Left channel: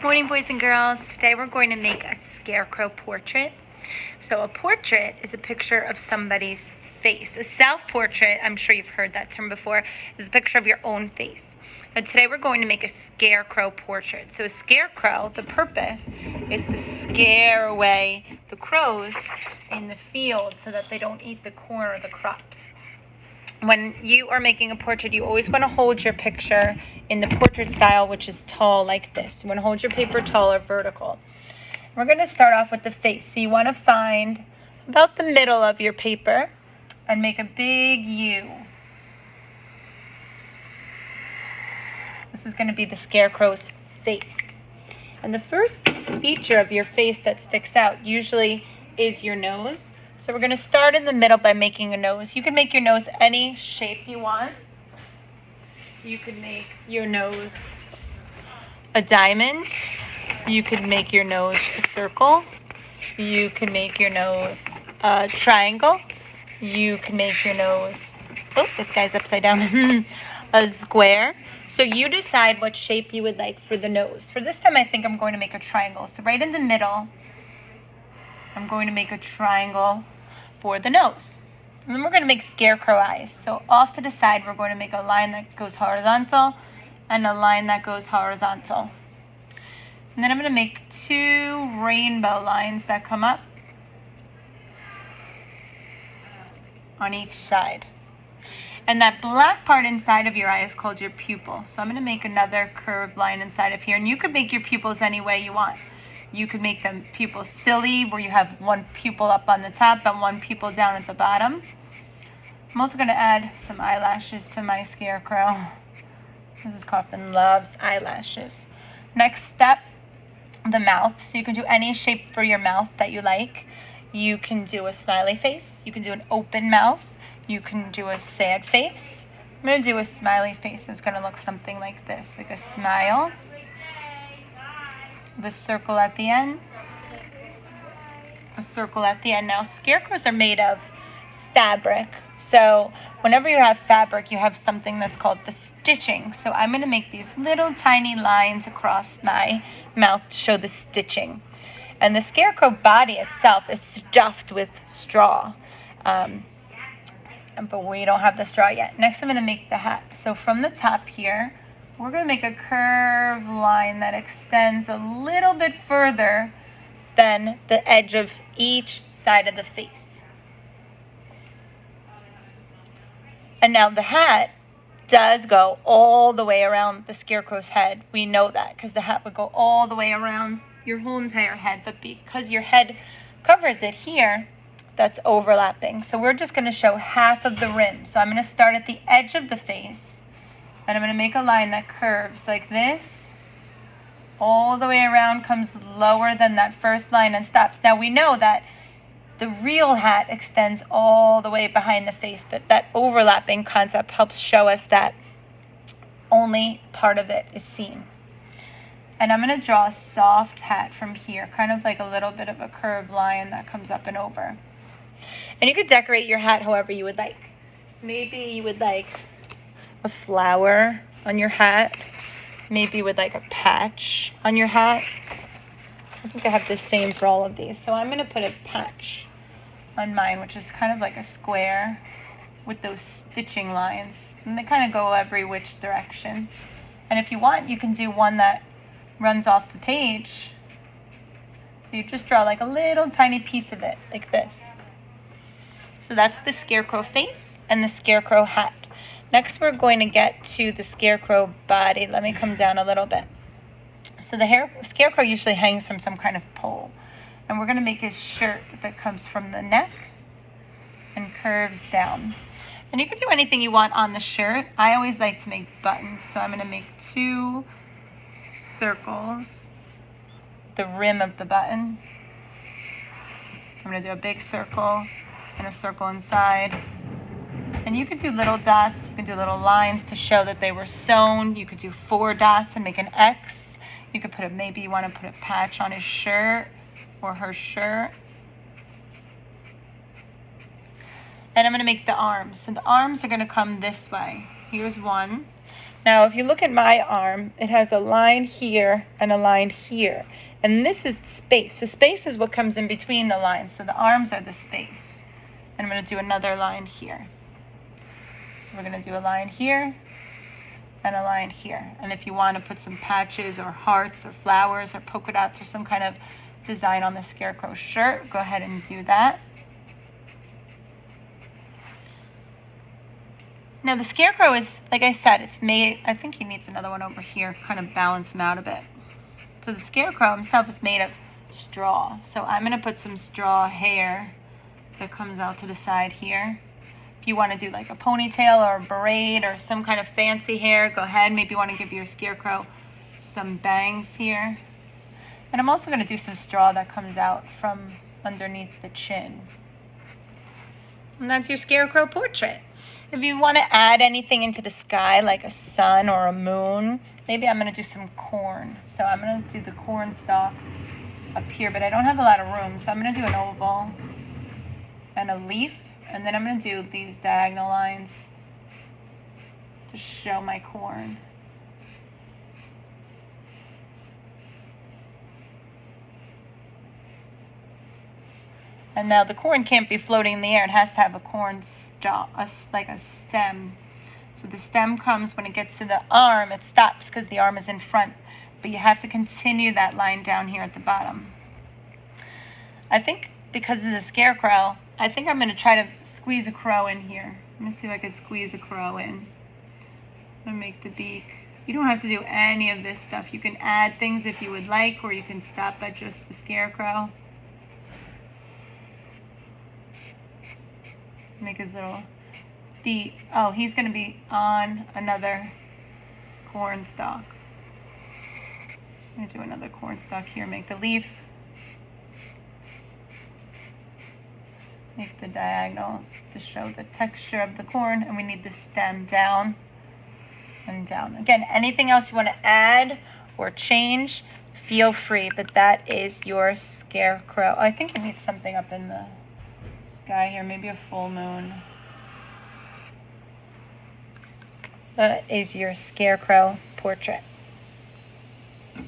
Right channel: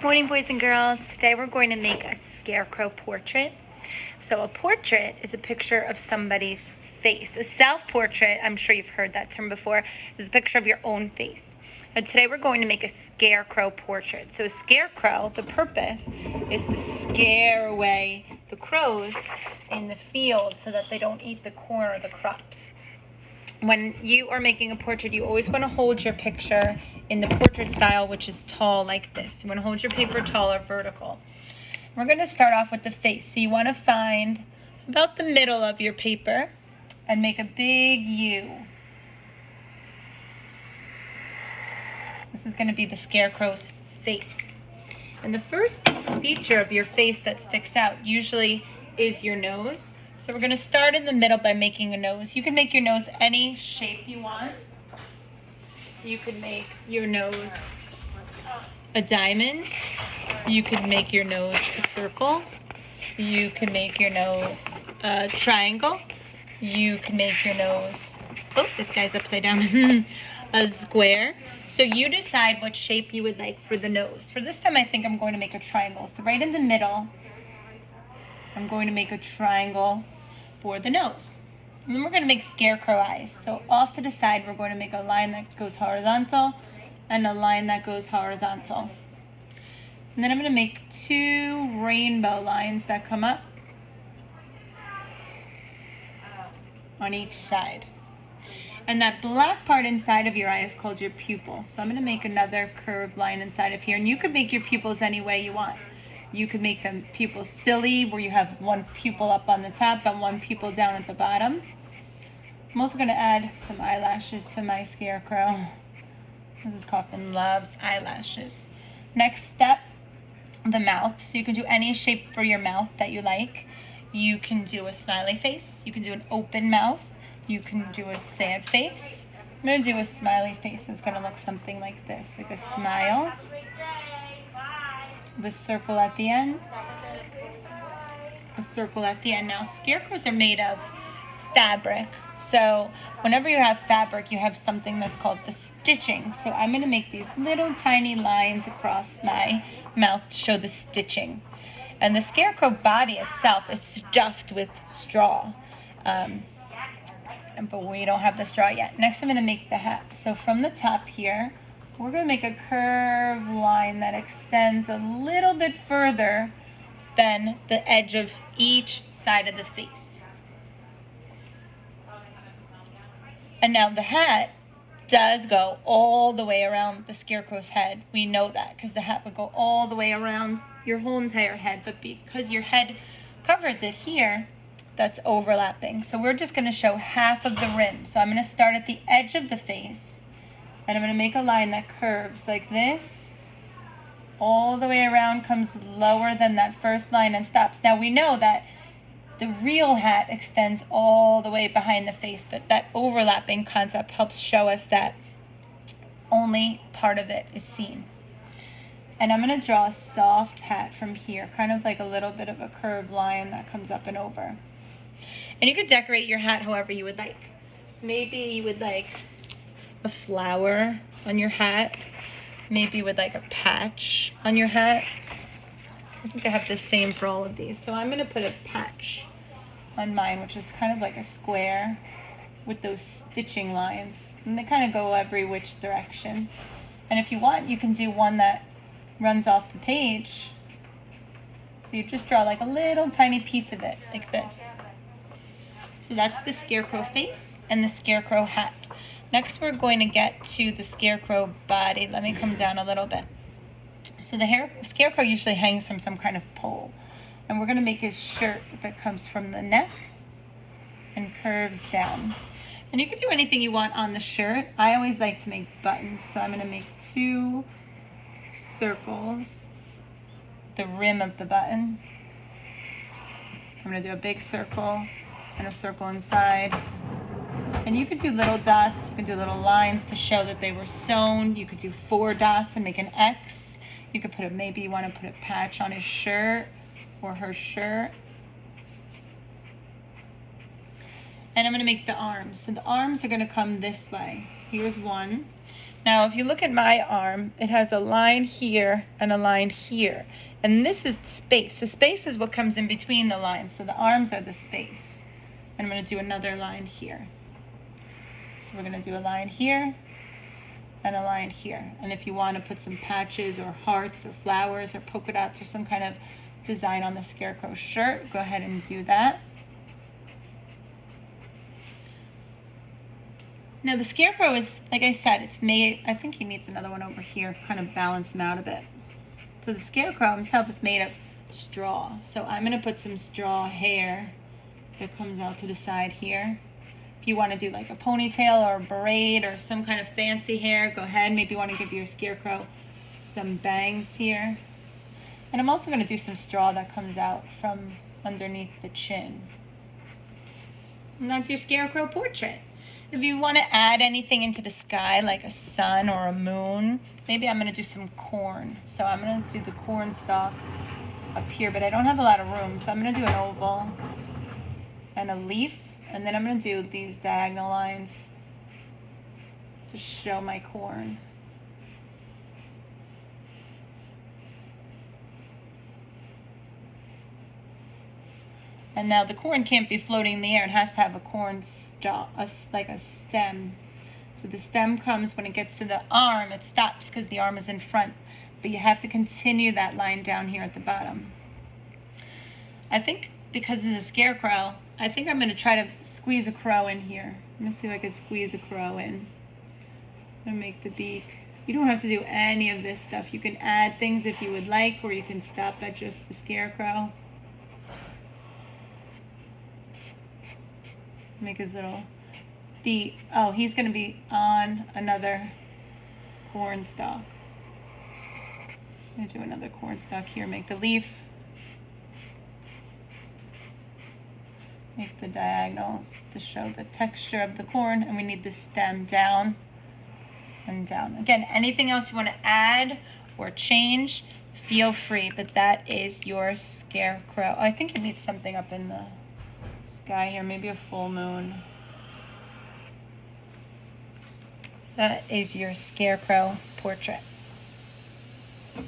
Morning, boys and girls. Today we're going to make a scarecrow portrait. So a portrait is a picture of somebody's face. A self-portrait, I'm sure you've heard that term before, is a picture of your own face. And today we're going to make a scarecrow portrait. So a scarecrow, the purpose is to scare away the crows in the field so that they don't eat the corn or the crops. When you are making a portrait, you always want to hold your picture in the portrait style, which is tall like this. You want to hold your paper tall or vertical. We're going to start off with the face. So you want to find about the middle of your paper and make a big U. This is going to be the scarecrow's face. And the first feature of your face that sticks out usually is your nose. So we're going to start in the middle by making a nose. You can make your nose any shape you want. You could make your nose a diamond. You could make your nose a circle. You can make your nose a triangle. You can make your nose, oh, this guy's upside down, a square. So you decide what shape you would like for the nose. For this time, I think I'm going to make a triangle. So right in the middle, I'm going to make a triangle for the nose. And then we're going to make scarecrow eyes. So off to the side, we're going to make a line that goes horizontal and a line that goes horizontal. And then I'm going to make two rainbow lines that come up on each side. And that black part inside of your eye is called your pupil. So I'm going to make another curved line inside of here. And you could make your pupils any way you want. You could make them pupils silly, where you have one pupil up on the top and one pupil down at the bottom. I'm also going to add some eyelashes to my scarecrow. Mrs. Kaufman loves eyelashes. Next step, the mouth. So you can do any shape for your mouth that you like. You can do a smiley face. You can do an open mouth. You can do a sad face. I'm going to do a smiley face. It's going to look something like this, like a smile. The circle at the end, a circle at the end. Now, scarecrows are made of fabric. So whenever you have fabric, you have something that's called the stitching. So I'm going to make these little tiny lines across my mouth to show the stitching. And the scarecrow body itself is stuffed with straw. But we don't have the straw yet. Next, I'm going to make the hat. So from the top here, we're going to make a curved line that extends a little bit further than the edge of each side of the face. And now the hat does go all the way around the scarecrow's head. We know that because the hat would go all the way around your whole entire head. But because your head covers it here, that's overlapping. So we're just going to show half of the rim. So I'm going to start at the edge of the face. And I'm going to make a line that curves like this, all the way around, comes lower than that first line and stops. Now we know that the real hat extends all the way behind the face, but that overlapping concept helps show us that only part of it is seen. And I'm going to draw a soft hat from here, kind of like a little bit of a curved line that comes up and over. And you could decorate your hat however you would like. Maybe you would like a flower on your hat, maybe with like a patch on your hat. I think I have the same for all of these. So I'm going to put a patch on mine, which is kind of like a square with those stitching lines. And they kind of go every which direction. And if you want, you can do one that runs off the page. So you just draw like a little tiny piece of it, like this. So that's the scarecrow face and the scarecrow hat. Next, we're going to get to the scarecrow body. Let me come down a little bit. So the scarecrow usually hangs from some kind of pole. And we're going to make his shirt that comes from the neck and curves down. And you can do anything you want on the shirt. I always like to make buttons. So I'm going to make two circles, the rim of the button. I'm going to do a big circle and a circle inside. And you could do little dots, you could do little lines to show that they were sewn. You could do 4 dots and make an X. You could put maybe you want to put a patch on his shirt or her shirt. And I'm going to make the arms. So the arms are going to come this way. Here's one. Now, if you look at my arm, it has a line here and a line here. And this is space. So space is what comes in between the lines. So the arms are the space. And I'm going to do another line here. So we're going to do a line here and a line here. And if you want to put some patches or hearts or flowers or polka dots or some kind of design on the Scarecrow shirt, go ahead and do that. Now the Scarecrow is, like I said, it's made, I think he needs another one over here, kind of balance him out a bit. So the Scarecrow himself is made of straw. So I'm going to put some straw hair that comes out to the side here. If you want to do like a ponytail or a braid or some kind of fancy hair, go ahead. Maybe you want to give your Scarecrow some bangs here. And I'm also going to do some straw that comes out from underneath the chin. And that's your Scarecrow portrait. If you want to add anything into the sky, like a sun or a moon, maybe I'm going to do some corn. So I'm going to do the corn stalk up here, but I don't have a lot of room. So I'm going to do an oval and a leaf, and then I'm going to do these diagonal lines to show my corn. And now the corn can't be floating in the air. It has to have a corn stalk, like a stem. So the stem comes when it gets to the arm, it stops because the arm is in front. But you have to continue that line down here at the bottom. I think because it's a Scarecrow, I think I'm going to try to squeeze a crow in here. Let me see if I can squeeze a crow in. I'm going to make the beak. You don't have to do any of this stuff. You can add things if you would like, or you can stop at just the Scarecrow. Make his little feet. Oh, he's going to be on another corn stalk. I'm going to do another corn stalk here. Make the leaf. Make the diagonals to show the texture of the corn. And we need the stem down and down. Again, anything else you want to add or change, feel free. But that is your Scarecrow. I think it needs something up in the sky here, maybe a full moon. That is your Scarecrow portrait.